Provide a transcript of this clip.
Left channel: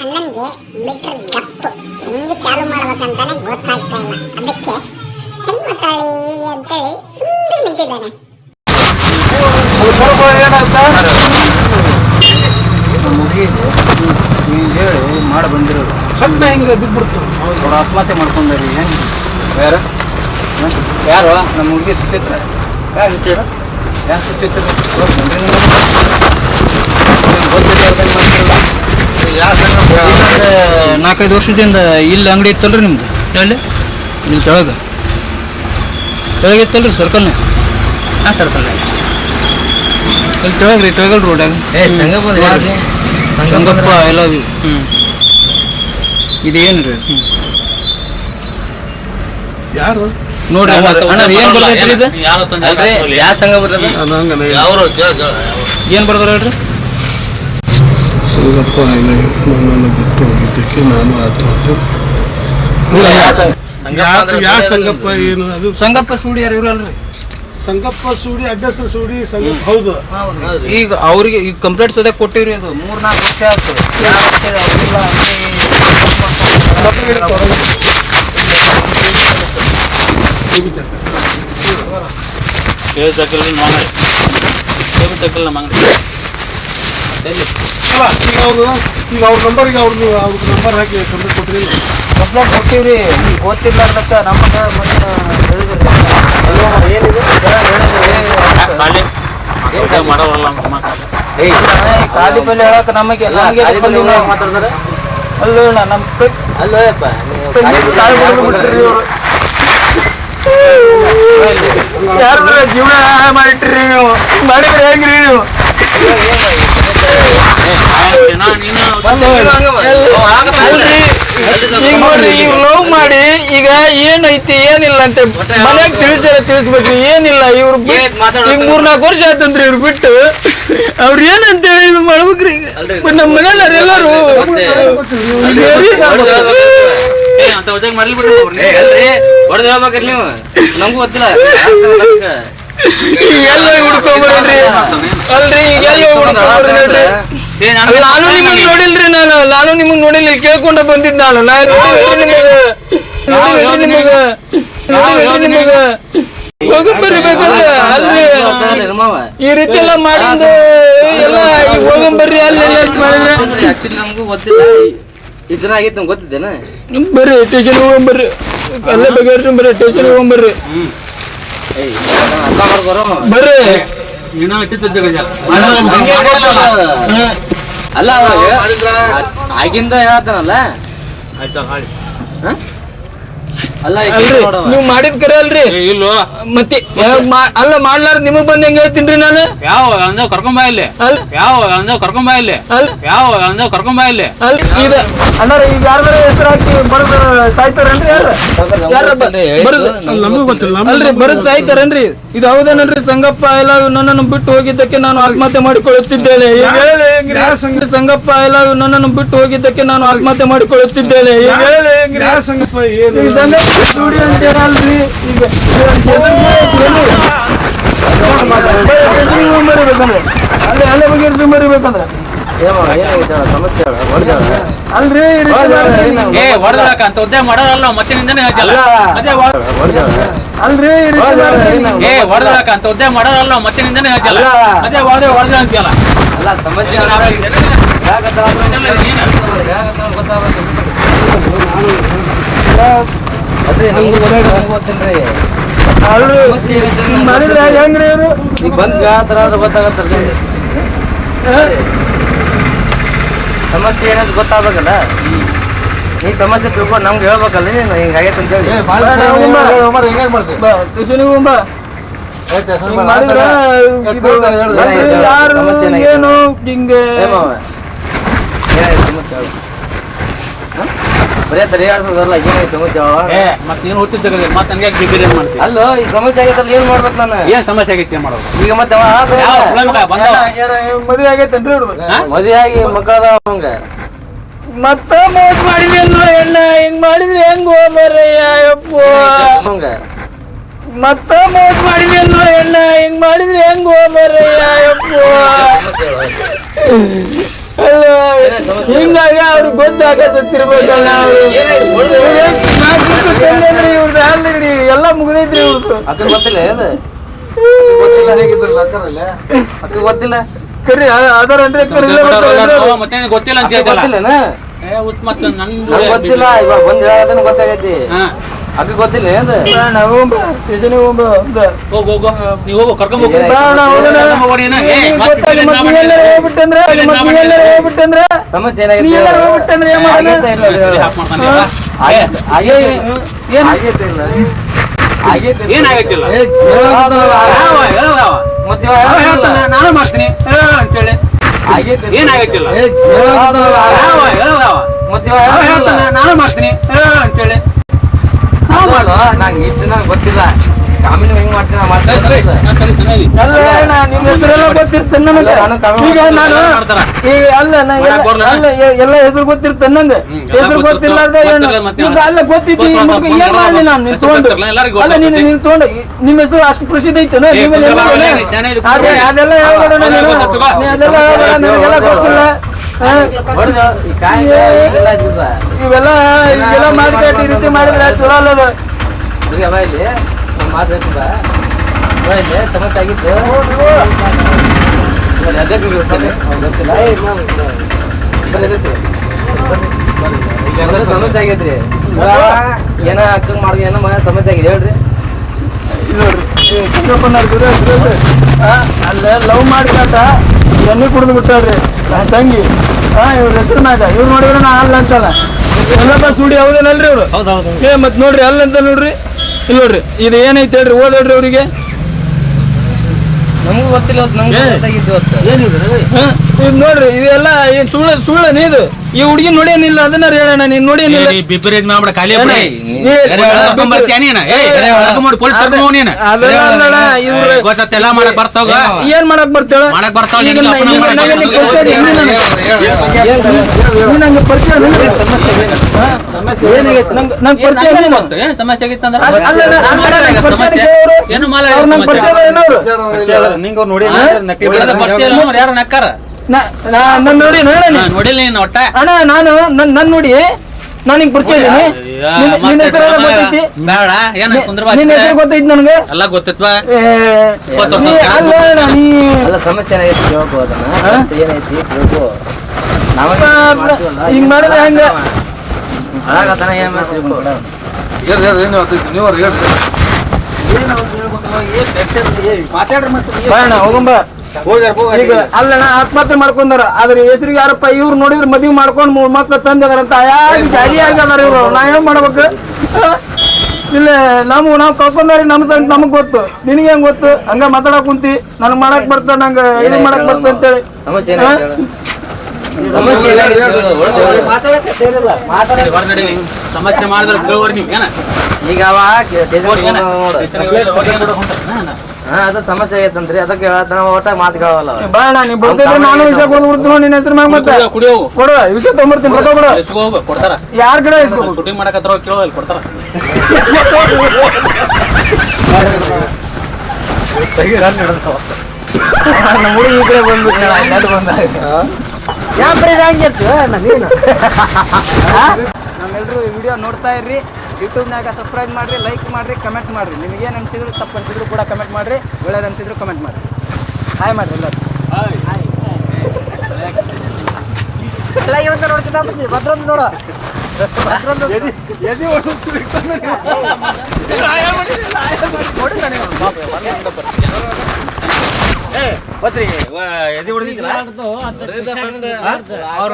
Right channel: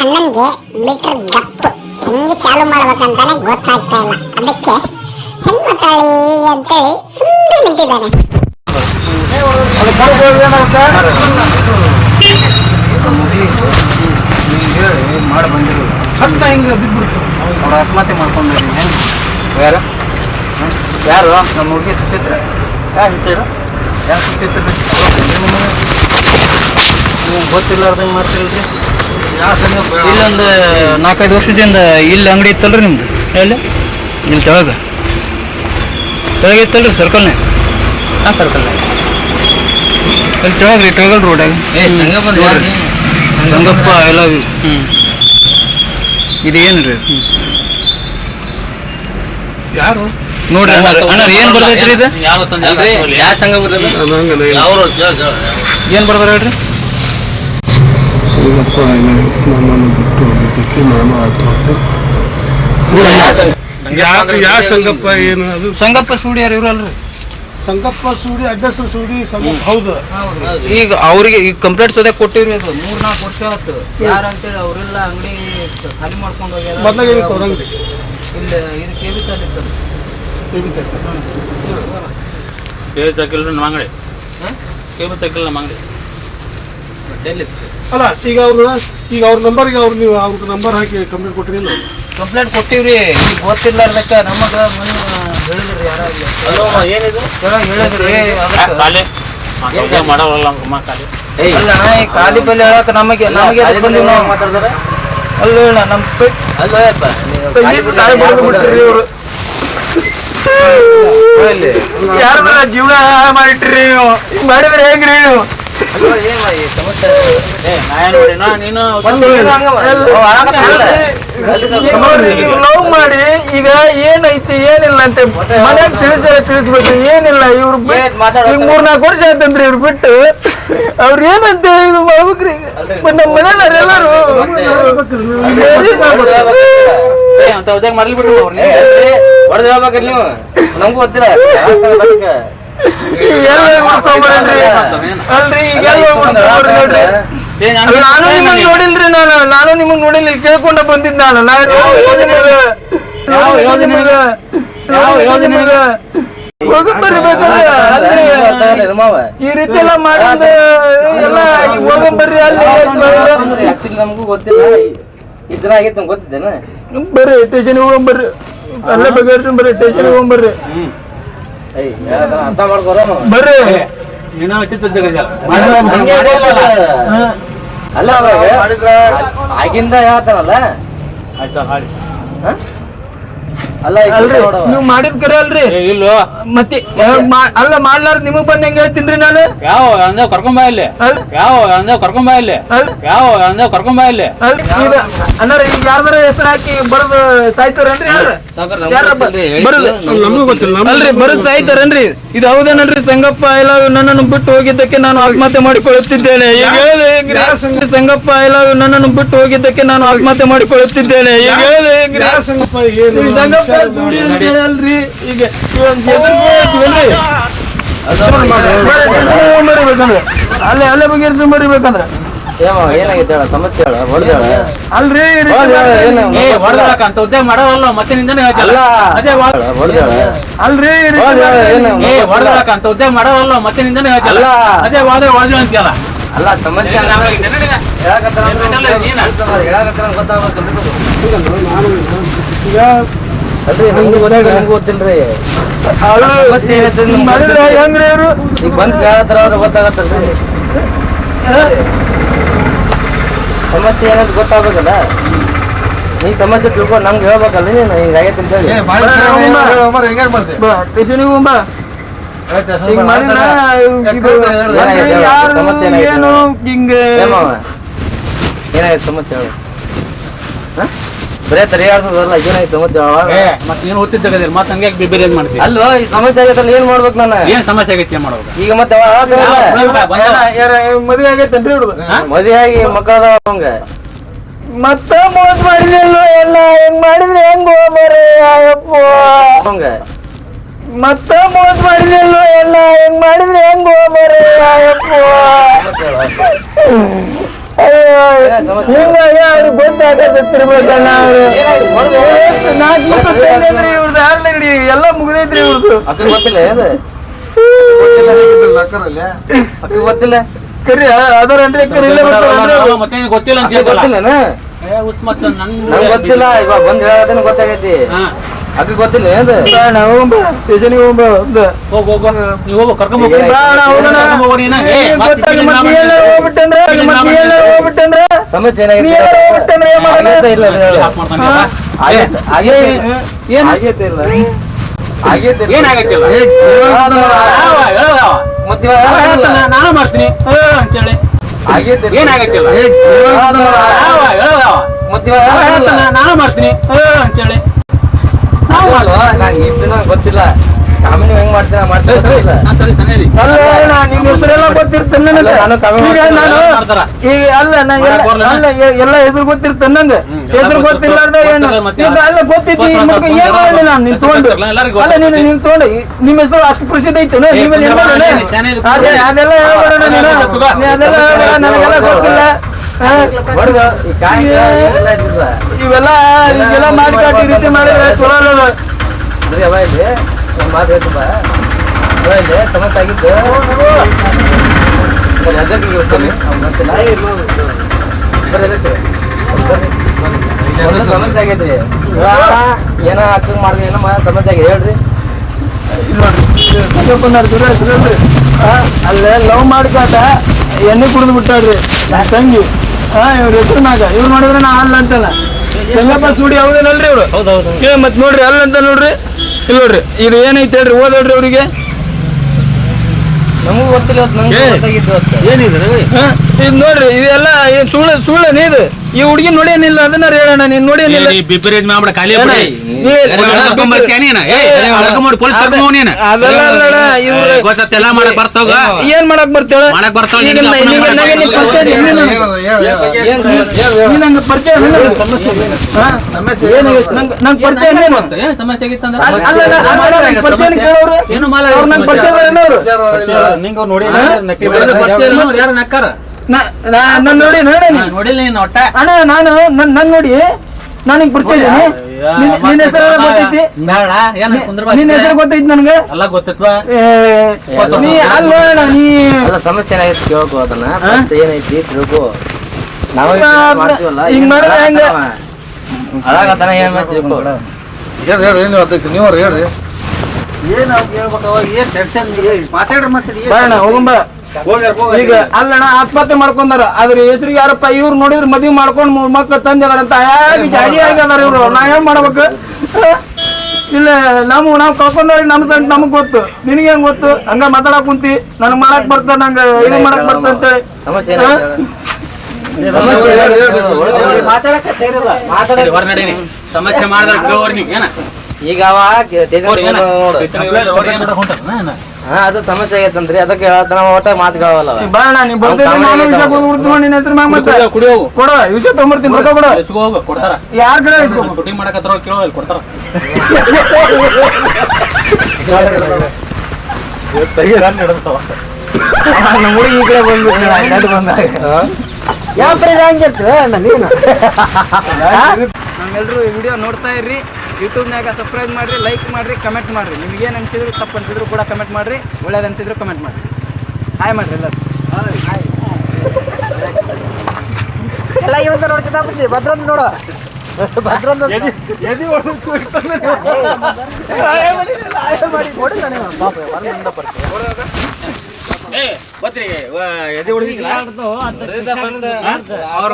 ಅಣ್ಣನ್ಗೆ metre ಗಪ್ ಹೆಂಗೆ ಚಾಲು ಮಾಡ್ಬೇಕಂತಾನೆ ಗೊತ್ತಾಗ್ತಾ ಇಲ್ಲ. ಅದಕ್ಕೆ ಹೆಂಗ್ ಮಾತಾಡಿ ಅಂತೇಳಿ ಸುಮ್ಮನೆ ನಿಂತಿದ್ದಾನೆ. ಮಾಡಿ ಬಂದಿರೋದು ಸಣ್ಣ ಹಿಂಗೆ ಬಿದ್ದುಬಿಡ್ತು. ಅವ್ರು ಆತ್ಮಹತ್ಯೆ ಮಾಡ್ಕೊಂಡ್ರಿ. ಯಾರು ಯಾರು ನಮ್ಮ ಹುಡುಗಿ ಸುಚಿತ್ರ. ಯಾರು ಸುಚಿತ್ರ? ಯಾರು ಸುಚಿತ್ರ? ಗೊತ್ತಿಲ್ಲ ಅರ್ಧಂಗೆ ಮಾಡ್ತಿಲ್ಲ. ಇಲ್ಲೊಂದು 4-5 ವರ್ಷದಿಂದ ಇಲ್ಲಿ ಅಂಗಡಿ ಇತ್ತಲ್ರಿ ನಿಮ್ದು? ಎಲ್ಲಿ? ಇಲ್ಲಿ ತೆಳಗಿತ್ತಲ್ರಿ ಸರ್ಕಲ್ನೇ? ಹಾಂ ಸರ್ಕಲ್ನೇ ಇಲ್ಲಿ ತೆಳಗ್ರಿ ಟೇಗಲ್ ರೋಡಾಗ ಸಂಗಪ್ಪ ಎಲ್ಲ. ಇದು ಏನು ರೀ? ಯಾರು ನೋಡ್ರಿ ಅಣ್ಣ ಏನು ಬರ್ತೈತ್ರಿ ಇದು? ಏನು ಬರ್ದಾರ ಹೇಳ್ರಿ? ಸಂಗಪ್ಪ ನನ್ನನ್ನು ಬಿಟ್ಟು ಹೋಗಿದ್ದಕ್ಕೆ ನಾನು ಆತ್ಮಹತ್ಯೆ ಯಾವ ಸಂಗಪ್ಪ ಏನು ಅದು? ಸಂಗಪ್ಪ ಸೂಡಿ ಯಾರು ಇವರು ಅಲ್ರಿ? ಸಂಗಪ್ಪ ಸೂಡಿ ಅಡ್ಡಸರು ಸೂಡಿ ಸಂಗಪ್ಪ. ಹೌದು. ಈಗ ಅವ್ರಿಗೆ ಈಗ ಕಂಪ್ಲೇಂಟ್ ಸದ್ಯ ಕೊಟ್ಟಿವ್ರಿ. ಅದು 3-4 ವರ್ಷ ಆಯ್ತು. ಅವ್ರಿಲ್ಲ ಈಗ ಅವ್ರ ನಂಬರ್ ನಂಬರ್ ಹಾಕಿ ಕಂಪ್ಲೇಂಟ್ ಕೊಟ್ಟಿರಿ. ಕಂಪ್ಲೇಂಟ್ ಕೊಟ್ಟಿವ್ರಿ. ಈಗ ಗೊತ್ತಿರ್ಲಾರ್ದಕ್ಕ ನಮ್ಮ ಹೇಳಿದ್ರಿ. ಅಲ್ಲೋ ಏನಿದೆ ಖಾಲಿ ಬೆಲೆ ಹೇಳಕ್ ನಮಗೆ ಮಾತಾಡ್ತಾರೆ. ಅಲ್ಲೋ ನಮ್ಮ ಅಲ್ಲೋಯಪ್ಪ ಯಾರ ಜೀವನ ಮಾಡಿಟ್ರಿ ನೀವು? ಮಾಡಿದ್ರೆ ಹೆಂಗ್ರಿ ನೀವು? ಈಗ ಲವ್ ಮಾಡಿ ಈಗ ಏನೈತಿ ಏನಿಲ್ಲ ಅಂತ ಮನ್ಯಾಗ ತಿಳಿಸ್ಬೇಕು. ಏನಿಲ್ಲ ಇವ್ರು 3-4 ವರ್ಷ ಆತಂದ್ರಿ ಇವ್ರು ಬಿಟ್ಟು. ಅವ್ರ ಏನಂತ ಇದು ಮಾಡ್ಬೇಕ್ರಿ? ನಮ್ಮ ಮನೇಲಿ ಎಲ್ಲಾರು ನೀವು ನಮಗೂ ಗೊತ್ತಿಲ್ಲ. ಎಲ್ಲ ಹುಡ್ಕೊಂಡ್ರಿ ಅಲ್ರಿ? ನಾನು ನಿಮಗ್ ನೋಡಿಲ್ರಿ. ನಾನು ನಿಮಗ್ ನೋಡಿಲ್ಲ. ಕೇಳ್ಕೊಂಡ ಬಂದಿದ್ ನಾನು ಹೋಗಂಬರ್ಬೇಕಲ್ಲ ಅಲ್ರಿ. ಈ ರೀತಿ ಎಲ್ಲ ಮಾಡಿಂದ ಎಲ್ಲ ಹೋಗಂಬರ್ರಿ ಅಲ್ಲಿ. ನಮಗೂ ಗೊತ್ತಿಲ್ಲ. ಇದನ್ನ ಆಗಿತ್ತು ನಮ್ಗೆ ಗೊತ್ತಿದ್ದೇನೆ. ಬರ್ರಿ ಸ್ಟೇಷನ್ ಹೋಗಂಬರ್ರಿ. ಎಲ್ಲ ಬಗೆಹರಿಸಿ ಬರ್ರಿ ಸ್ಟೇಷನ್ ಹೋಗಂಬರ್ರಿ. ಬರ್ರಿ ಅಲ್ಲ ಆಗಿಂದ ಹೇಳ್ತಾರಲ್ಲ. ಅಲ್ಲ ನೀವು ಮಾಡಿದ್ ಕರೆ ಅಲ್ರಿ? ಇಲ್ಲೋ ಮತ್ತೆ ಅಲ್ಲ ಮಾಡ್ಲಾರ್ದ ನಿಮಗ್ ಬಂದ್ ಹೆಂಗ ಹೇಳ್ತೀನಿ ನಾನು? ಯಾವ ಕರ್ಕೊಂಬ ಇಲ್ಲಿ ಅಣ್ಣಾರ ಈಗ ಯಾರ ಹೆಸರು ಹಾಕಿ ಬರೋದು ಸಾಯ್ತಾರೇನ್ರಿ? ಬರೋದು ನಮಗೂ ಗೊತ್ತಿಲ್ಲ ಅಲ್ರಿ. ಬರೋದು ಸಾಯ್ತಾರೇನ್ರಿ? ಇದು ಹೌದೇನಲ್ರಿ? ಸಂಗಪ್ಪ ಎಲ್ಲ ನನ್ನನ್ನು ಬಿಟ್ಟು ಹೋಗಿದ್ದಕ್ಕೆ ನಾನು ಆತ್ಮಹತ್ಯೆ ಮಾಡಿಕೊಳ್ಳುತ್ತಿದ್ದೇನೆ. ಈಗ ಸಂಗಪ್ಪ ಎಲ್ಲ ನನ್ನನ್ನು ಬಿಟ್ಟು ಹೋಗಿದ್ದಕ್ಕೆ ನಾನು ಆತ್ಮಹತ್ಯೆ ಮಾಡಿಕೊಳ್ಳುತ್ತಿದ್ದೇನೆ. ಈಗ ಸಂಗಪ್ಪ ಏನು ಸಂಗಪ್ಪ ಸೂಡಿ ಅಂತ ಅಲ್ರಿ? ಈಗ ಅಲ್ಲೇ ಬಗೆಹರಿಸಿ ಮರಿಬೇಕಂದ್ರ ಅಲ್ರಿ ಹೊಡೆದಳಕ ಅಂತ ಉದ್ಯೋಗ ಮಾಡೋದಲ್ಲ. ಮತ್ತೆ ನಿಂದನೇ ಹೇಳ್ತಿಲ್ಲ. ಅಲ್ರಿ ಹೊಡೆದಳಕ ಅಂತ ಉದ್ಯೋಗ ಮಾಡೋದಲ್ಲ. ಮತ್ತೆ ನಿಂದನೇ ಹೇಳ್ತಿಲ್ಲ. ಅದೇ ಹೊಡೆದ ಅಂತೀಯಲ್ಲ. ಅಲ್ಲ ಸಮಸ್ಯೆ ಅಲ್ರಿ ನಮ್ಗೂ ಗೊತ್ತೇನ್ರಿ? ಹೆಂಗ್ರಿ ಇವರು ಈಗ ಬಂದ್ ಯಾವ್ದಾರ ಗೊತ್ತಾಗತ್ತಲ್ರಿ? ಸಮಸ್ಯೆ ಏನಾದ್ರು ಗೊತ್ತಾಗಬೇಕಲ್ಲ. ಈ ಸಮಸ್ಯೆ ತಿಳ್ಕೊಂಡು ನಮ್ಗೆ ಹೇಳ್ಬೇಕಲ್ಲ. ನೀನು ಹಿಂಗಾಗೈತೆ ಅಂತ ಹೇಳಿ ಏನು ಹಿಂಗೆ ಏನಾಯ್ತು ಸಮಸ್ಯೆ ಹೇಳಿ? ಬರೇ ಬರಲ್ಲ. ಏನಾಯ್ತು ಸಮಸ್ಯೆ? ಮತ್ತೆ ನೀನು ಓದ್ತಿದ್ದ ಮತ್ತೆ ಹಂಗೆ ಮಾಡ್ತೀವಿ. ಅಲ್ಲೋ ಈ ಸಮಸ್ಯೆ ಆಗೈತಲ್ಲ. ಏನ್ ಮಾಡ್ಬೇಕು ನಾನು? ಏನ್ ಸಮಸ್ಯೆ ಆಗೈತಿ ಮಾಡೋದು? ಈಗ ಮತ್ತೆ ಮದುವೆ ಆಗೈತೇನ್ರಿ? ಮದುವೆ ಆಗಿ ಮಕ್ಕಳದಾವ ಹಂಗ ಮತ್ತ ಮೋಸ ಮಾಡಿದ್ನು ಎಲ್ಲ. ಹೆಂಗ್ ಮಾಡಿದ್ರಿ ಹೆಂಗ್ ಹೋಗ್ಬಾರ ಅಯ್ಯಪ್ಪ ಹಂಗ ಮತ್ತ ಮೋಸ ಮಾಡಿದ್ನು ಎಲ್ಲ. ಅಕ್ಕ ಗೊತ್ತಿಲ್ಲ ಅದು ಅಕ್ಕ ಗೊತ್ತಿಲ್ಲ ಕರಿ ಅದರೇನ್ರಿ ಮತ್ತೆ ಗೊತ್ತಿಲ್ಲ ಅಂತ ಗೊತ್ತಿಲ್ಲನ ಗೊತ್ತಿಲ್ಲ ಇವಾಗ ಬಂದ್ ಹೇಳೋದನ್ನ ಗೊತ್ತಾಗೈತಿ ಅಕ್ಕ ಗೊತ್ತಿಲ್ಲ ಅದು ಸ್ಟೇಷನ್ಗೆ ಹೋಗು ನೀವು ಹೋಗು ಕರ್ಕೊಂಡ್ ಸಮಸ್ಯೆ ಏನಾಗೈತೆ ಇಲ್ಲ ಏನಾಗೈತಿಲ್ಲ ಮತ್ತೆ ನಾನು ಮಾಡ್ತೀನಿ ಅಂತೇಳಿ ಏನಾಗೈತಿಲ್ಲ ಮತ್ತೆ ನಾನು ಮಾಡ್ತೀನಿ ಅಂತೇಳಿ ನಂಗೆ ಇಷ್ಟು ದಿನ ಗೊತ್ತಿಲ್ಲ ಕಾಮಿನ ಹೆಂಗ್ ಮಾಡ್ತೀನಿ ನಿನ್ನ ಹೆಸರೆಲ್ಲ ಗೊತ್ತಿರ್ತೇನೆ ನನಗೆ ಈಗ ನಾನು ಈಗ ಎಲ್ಲ ಹೆಸರು ಗೊತ್ತಿರ್ತೇನೆ ನಂಗೆ ಹೆಸರು ಗೊತ್ತಿಲ್ಲಾರ್ದ ಅಲ್ಲ ಗೊತ್ತಿತ್ತು ಏನ್ ಮಾಡಿ ನಾನು ನಿನ್ ತಗೊಂಡು ಅಲ್ಲ ನೀನ್ ತಗೊಂಡು ನಿಮ್ಮ ಹೆಸರು ಅಷ್ಟು ಪ್ರಸಿದ್ಧ ಐತೆ ಅದೆಲ್ಲ ನನಗೆಲ್ಲ ಗೊತ್ತಿಲ್ಲ ಇವೆಲ್ಲ ಈಗೆಲ್ಲ ಮಾಡಿಕಾಟಿ ಈ ರೀತಿ ಮಾಡಿದ್ರೆ ಚಲೋ ಅಲ್ಲ ಮಾತು ಸಮಸ್ಯೆ ಆಗಿತ್ತು ಸಮಸ್ಯೆ ಆಗೈತ್ರಿ ಏನ ಅಕ್ಕಂಗ್ ಮಾಡ್ರಿ ಏನೋ ಸಮಸ್ಯೆ ಆಗಿದೆ ಹೇಳ್ರಿ ಅಲ್ಲೇ ಲವ್ ಮಾಡ್ಕಾಟ ಎಣ್ಣೆ ಕುಡಿದು ಬಿಟ್ಟಾಡ್ರಿ ತಂಗಿ ಇವ್ರ ಹೆಸರು ಮ್ಯಾಗ ಇವ್ರು ನೋಡಿದ್ರೆ ನಾ ಅಲ್ಲ ಅಂತಲ್ಲ ಎಲ್ಲಪ್ಪ ಸುಡಿ ಹೌದೇನಲ್ರಿ ಇವ್ರು ಏ ಮತ್ ನೋಡ್ರಿ ಅಲ್ಲ ಅಂತ ನೋಡ್ರಿ ಇಲ್ಲ ನೋಡ್ರಿ ಇದು ಏನೈತೆ ಹೇಳ್ರಿ ಓದೋಡ್ರಿ ಅವ್ರಿಗೆ ನಮಗೂ ಗೊತ್ತಿಲ್ಲ ನಮ್ಗೆ ಗೊತ್ತಾಗಿತ್ತು ಏನಿದೆ ಇದು ನೋಡ್ರಿ ಇದೆಲ್ಲ ಸುಳ್ಳು ಇದು ಈ ಹುಡುಗಿ ನೋಡೇನಿಲ್ಲ ಅದನ್ನ ಹೇಳೋಣ ನೀನ್ ನೋಡೇನಿಲ್ಲ ಬಿಪರೀತ್ ಮಾಡ್ಬಿಡ ಖಾಲಿ ಅದೆಲ್ಲ ಅಲ್ಲಡ ಇವ್ರು ಗೊತ್ತೆಲ್ಲ ಮಾಡಕ್ ಬರ್ತಾವ ಏನ್ ಮಾಡಕ್ ಬರ್ತಾಳ ಮಾಡಕ್ ಬರ್ತಾವ ಈಗ ನಂಗೆ ಪರಿಚಯ ಏನ್ ಸಮಸ್ಯೆ ಆಗಿತ್ತಂದ್ರ ಏನು ನಿಂಗ ನೋಡಿ ಯಾರು ನಕ್ಕಾರ ನೋಡಿ ನೋಡಿಲ್ಲ ನೀನ್ ಒಟ್ಟ ಅಣ್ಣ ನಾನು ನನ್ ನೋಡಿ ನನಗ್ ಪರಿಚಯ ಬೇಡ ಏನ ಕುಂದ್ರ ನಿನ್ನ ಹೆಸರು ಗೊತ್ತೈತಿ ನನ್ಗೆ ಎಲ್ಲ ಗೊತ್ತಿತ್ವಾ ಸಮಸ್ಯೆ ಏನಾಯ್ತು ಕೇಳ್ಕೊ ಅದನ್ನ ಏನೈತಿ ಕೇಳ್ಕೊ ಹಿಂಗ್ ಮಾಡಿದ್ರೆ ಹೆಂಗ ಹಾಳಾಗತ್ತಾನ ಏನ್ ಮಾಡ್ತೀವಿ ಹೋಗಂಬ ಈಗ ಅಲ್ಲಣ್ಣ ಆತ್ಮಹತ್ಯೆ ಮಾಡ್ಕೊಂಡಾರ ಅದ್ರ ಹೆಸರಿಗೆ ಯಾರಪ್ಪ ಇವ್ರು ನೋಡಿದ್ರೆ ಮದ್ವಿ ಮಾಡ್ಕೊಂಡ್ 3 ಮಕ್ಳು ತಂದಿದಾರಂತ ಜಾಡಿ ಆಗದಾರ ಇವ್ರು ನಾ ಏನ್ ಮಾಡ್ಬೇಕು ಇಲ್ಲ ನಾವ್ ಕಳ್ಕೊಂಡಾರ ನಮಗ್ ಗೊತ್ತು ನಿನಗೆ ಹೆಂಗ್ ಗೊತ್ತು ಹಂಗ ಮಾತಾಡಕ್ ಕುಂತಿ ನನಗ್ ಮಾಡಕ್ ಬರ್ತ ನಂಗ ಇದನ್ ಮಾಡಕ್ ಬರ್ತ ಅಂತೇಳಿ ಸಮಸ್ಯೆ ಸಮಸ್ಯೆ ಮಾಡಿದ್ರೆ ಈಗ ಅದು ಸಮಸ್ಯೆ ಆಗೈತಂದ್ರಿ ಅದಕ್ಕೆ ಹೇಳ್ತಾನ ಒಟ್ಟ ಮಾತುಗಳಲ್ಲ ಬೇಡ ನೀ ಬರ್ತಿದ್ರೆ ನಾನು ವಿಷಯ ಕೊಡ್ಬಿಡ್ತು ನಿನ್ನ ಹೆಸರು ಮ್ಯಾಗ ಮತ್ತೆ ಕೊಡು ವಿಷಯ ತೊಗೊಂಬರ್ತೀನಿ ರೊಕ್ಕ ಕೊಡು ಕೊಡ್ತಾರ ಯಾರ್ ಕಡೆ ಶೂಟಿಂಗ್ ಮಾಡಕತ್ರ ಕೇಳೋ ಕೊಡ್ತಾರ ನಮ್ಮೆಲ್ಲರೂ ಈ ವಿಡಿಯೋ ನೋಡ್ತಾ ಇರ್ರಿ ಯೂಟ್ಯೂಬ್ನಾಗ ಸಬ್ಸ್ಕ್ರೈಬ್ ಮಾಡ್ರಿ ಲೈಕ್ಸ್ ಮಾಡ್ರಿ ಕಮೆಂಟ್ಸ್ ಮಾಡ್ರಿ ನಿಮ್ಗೆ ಏನು ಅನ್ಸಿದ್ರು ತಪ್ಪು ಅನ್ಸಿದ್ರು ಕೂಡ ಕಮೆಂಟ್ ಮಾಡ್ರಿ ಒಳ್ಳೇದು ಅನ್ಸಿದ್ರು ಕಮೆಂಟ್ ಮಾಡ್ರಿ ಹಾಯ್ ಮಾಡ್ರಿ ಎಲ್ಲರೂ ಎಲ್ಲ ಇವತ್ತು ನೋಡ್ತಿದ್ದ ಭದ್ರಂದು ನೋಡು ಅವ್ರ